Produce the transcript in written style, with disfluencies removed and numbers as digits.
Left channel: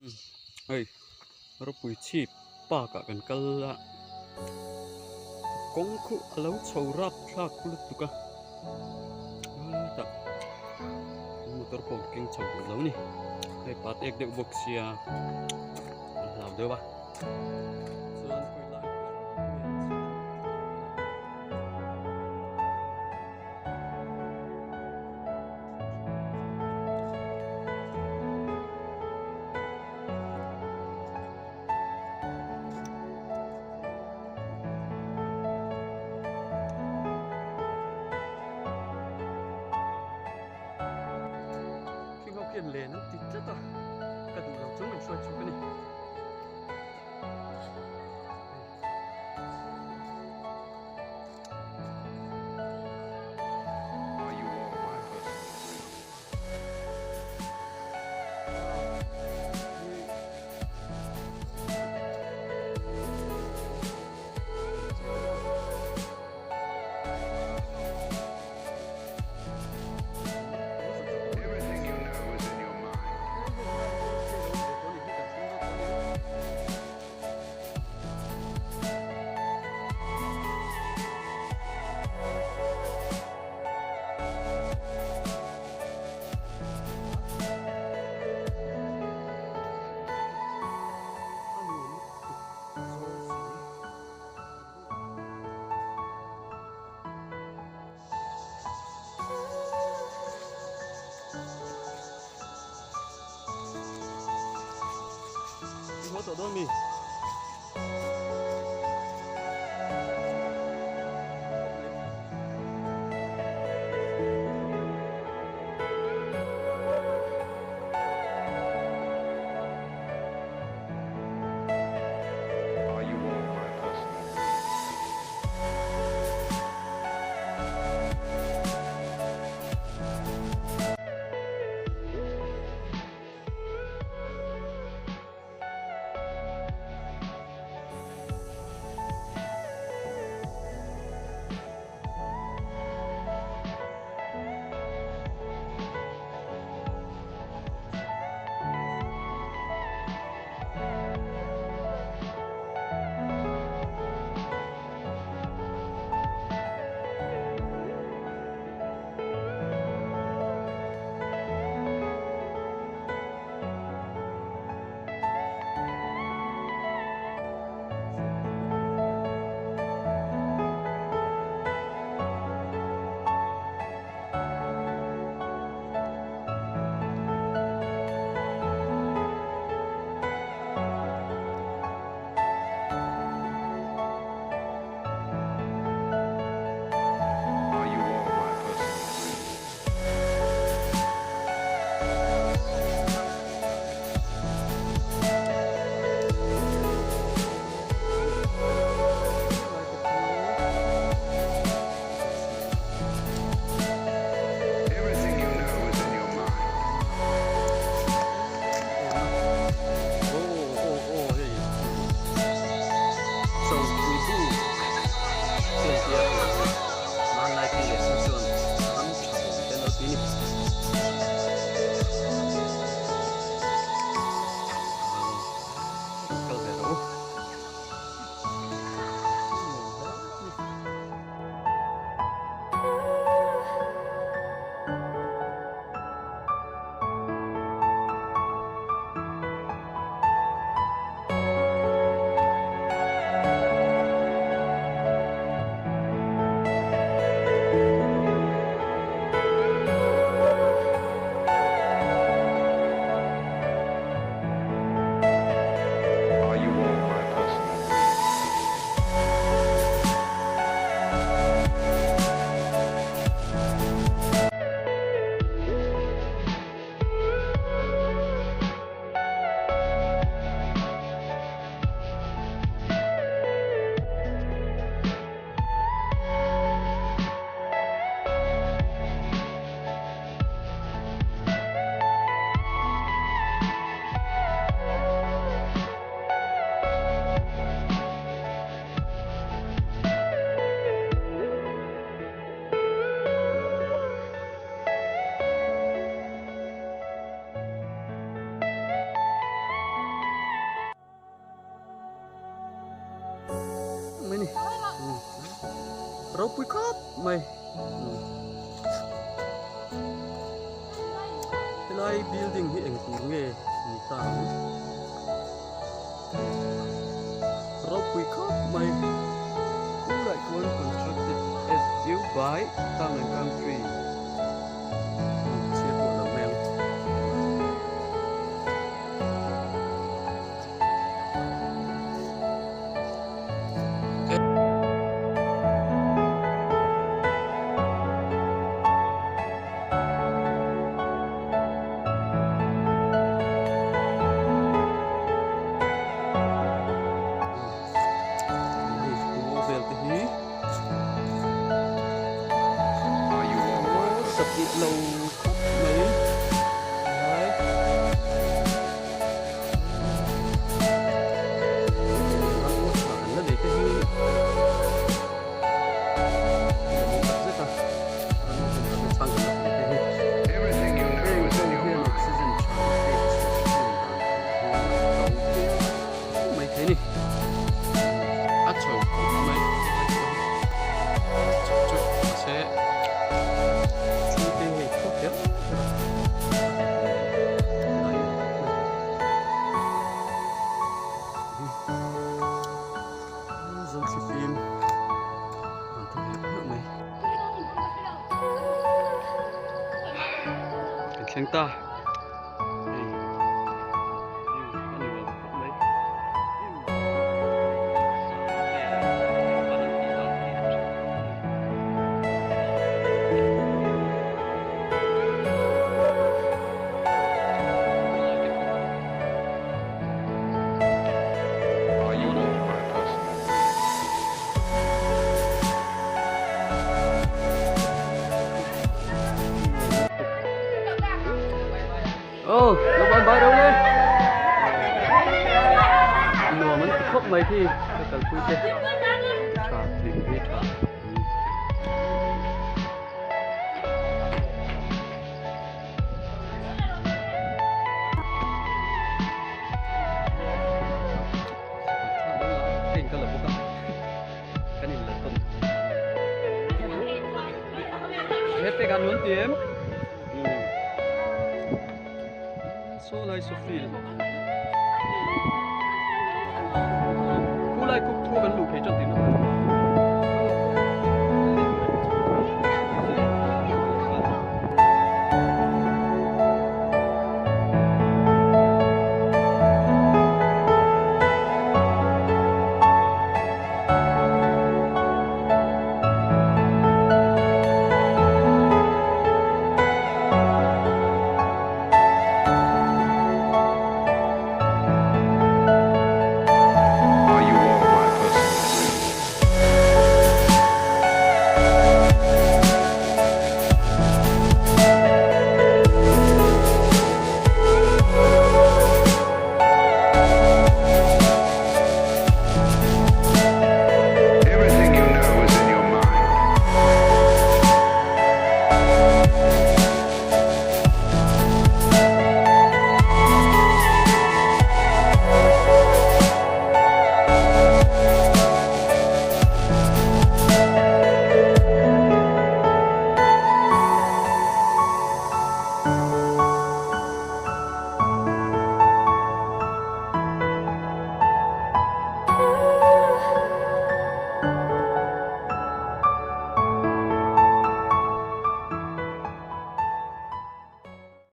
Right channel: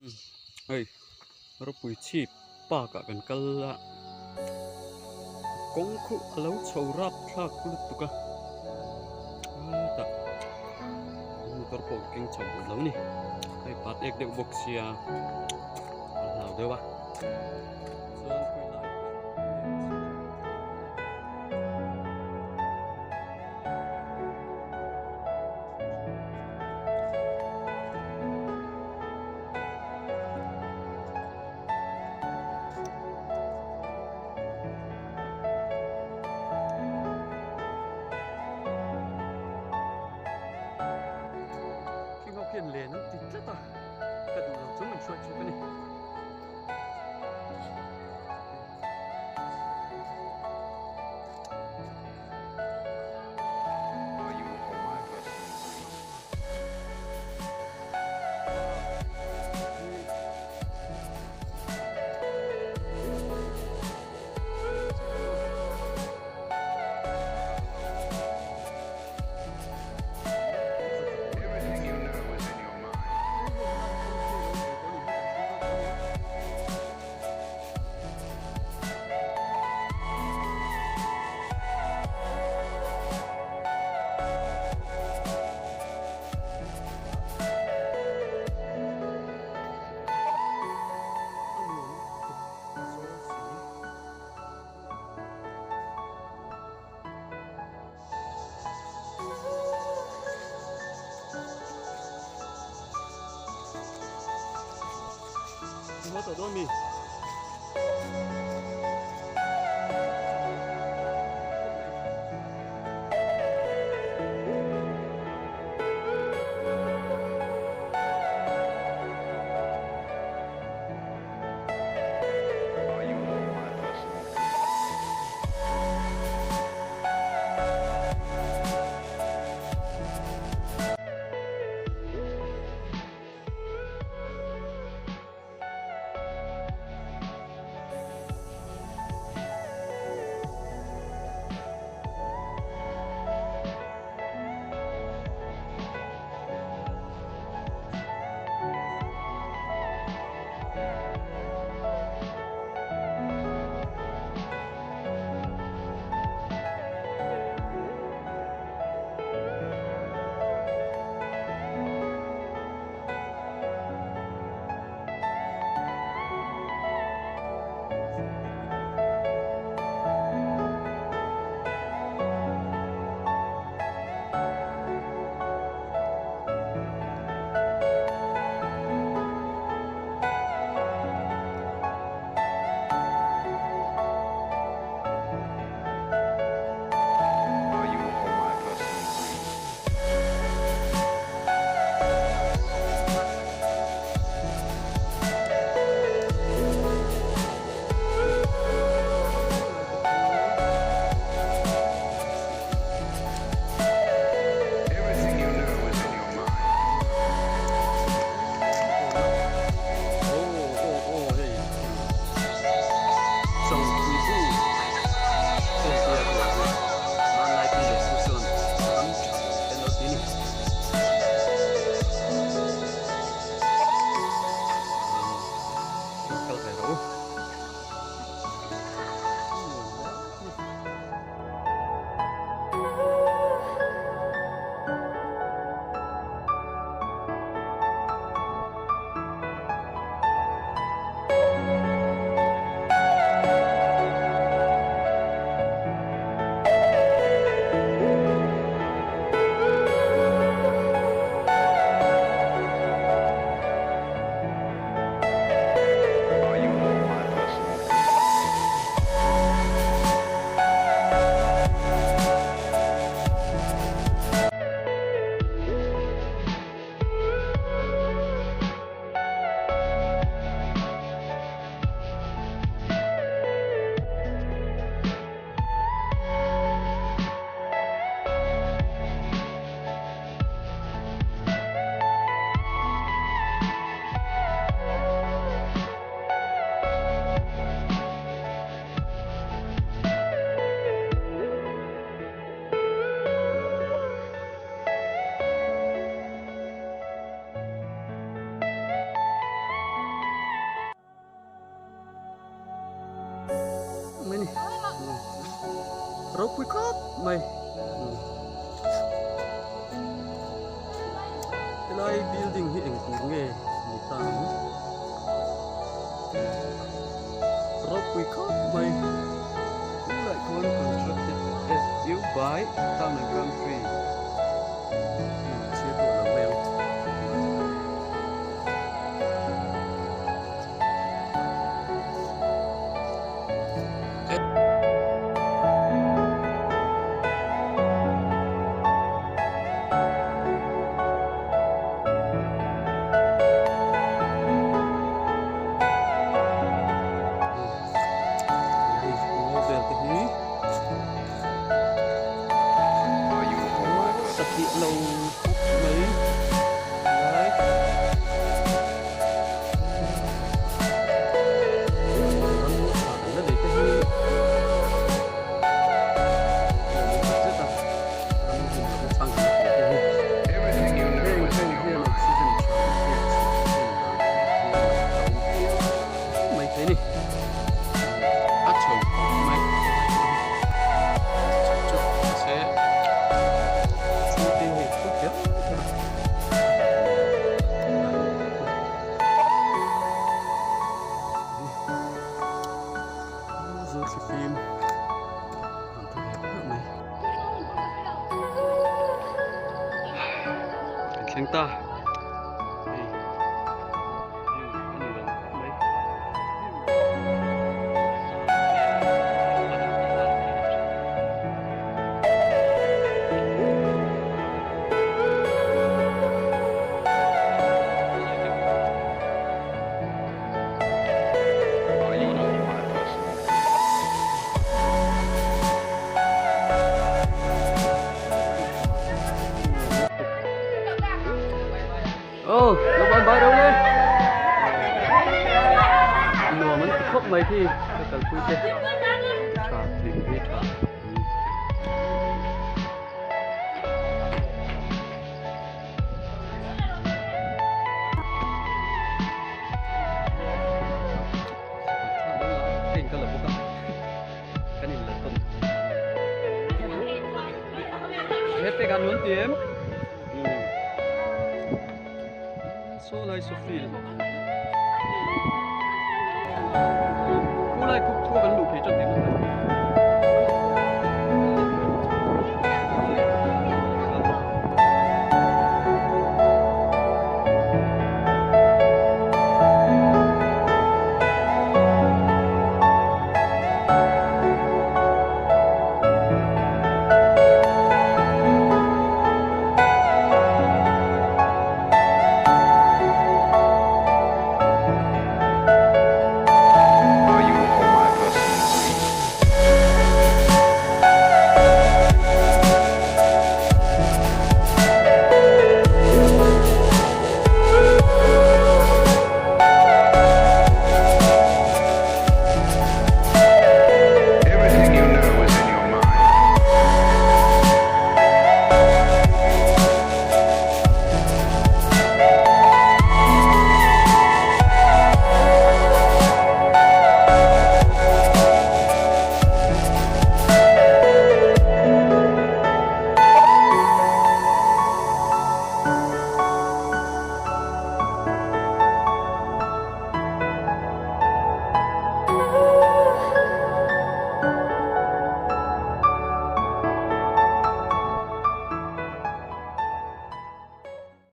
Hey, rapui chi pa ka kan kala kongku alau chorap thak lut tuka ta motor pong king chau lo ni ai pat ek de boxia lau de wa chuan koi lai per me chuan khi ngọc kiền lệ nó tít lắm ta cả đủ lâu chúng mình xuôi chu cái này Are you all my personal dreams? Everything you know is in your mind. nó tổ đôi mì Are you all my personal dreams? Are you all my personal dreams? Everything you know is in your mind. ô hey so we do trên kia thì man lai pi le su chuan ram tha bom ten lo ti ni kal ve ro Are you all my นี่เราปุยครับไม่cái lai building hi eng tur nge ni tang rau pui khop mai cũng lại con constructed as you by Town and Country chia đũa làm mèo về thì hí Are you all my sập personal địa lầu khóc mấy đấy rắn nuốt thả nó để cái hí là muốn tập rất à rắn nuốt mà bên sang gần nó để cái hí Everything you know Hey, is in không your hiền mind. oxygen tràn phết sự hiền đàn thì hiền mình đâu mấy thế này ắt chầu khóc mấy cái này thôi chụp sẽ chú tê hay khóc hết thật đại mình khóc mấy dấu cái phim còn thực hiện hết mấy cảnh sáng ta đây view ăn uống khóc mấy view Are you all my personal dreams? Ô, nó bắn bay đâu đây? Nùa mình khóc mấy thì phải cần cúi chết. Chà, đỉnh đi chà. Cái này là bốc cái này là tôm. Hết cái gan muốn tím. Số lại số phil. Khu lại cục thua gần đủ phải chân tiếng nó phải. Are you all my personal dreams?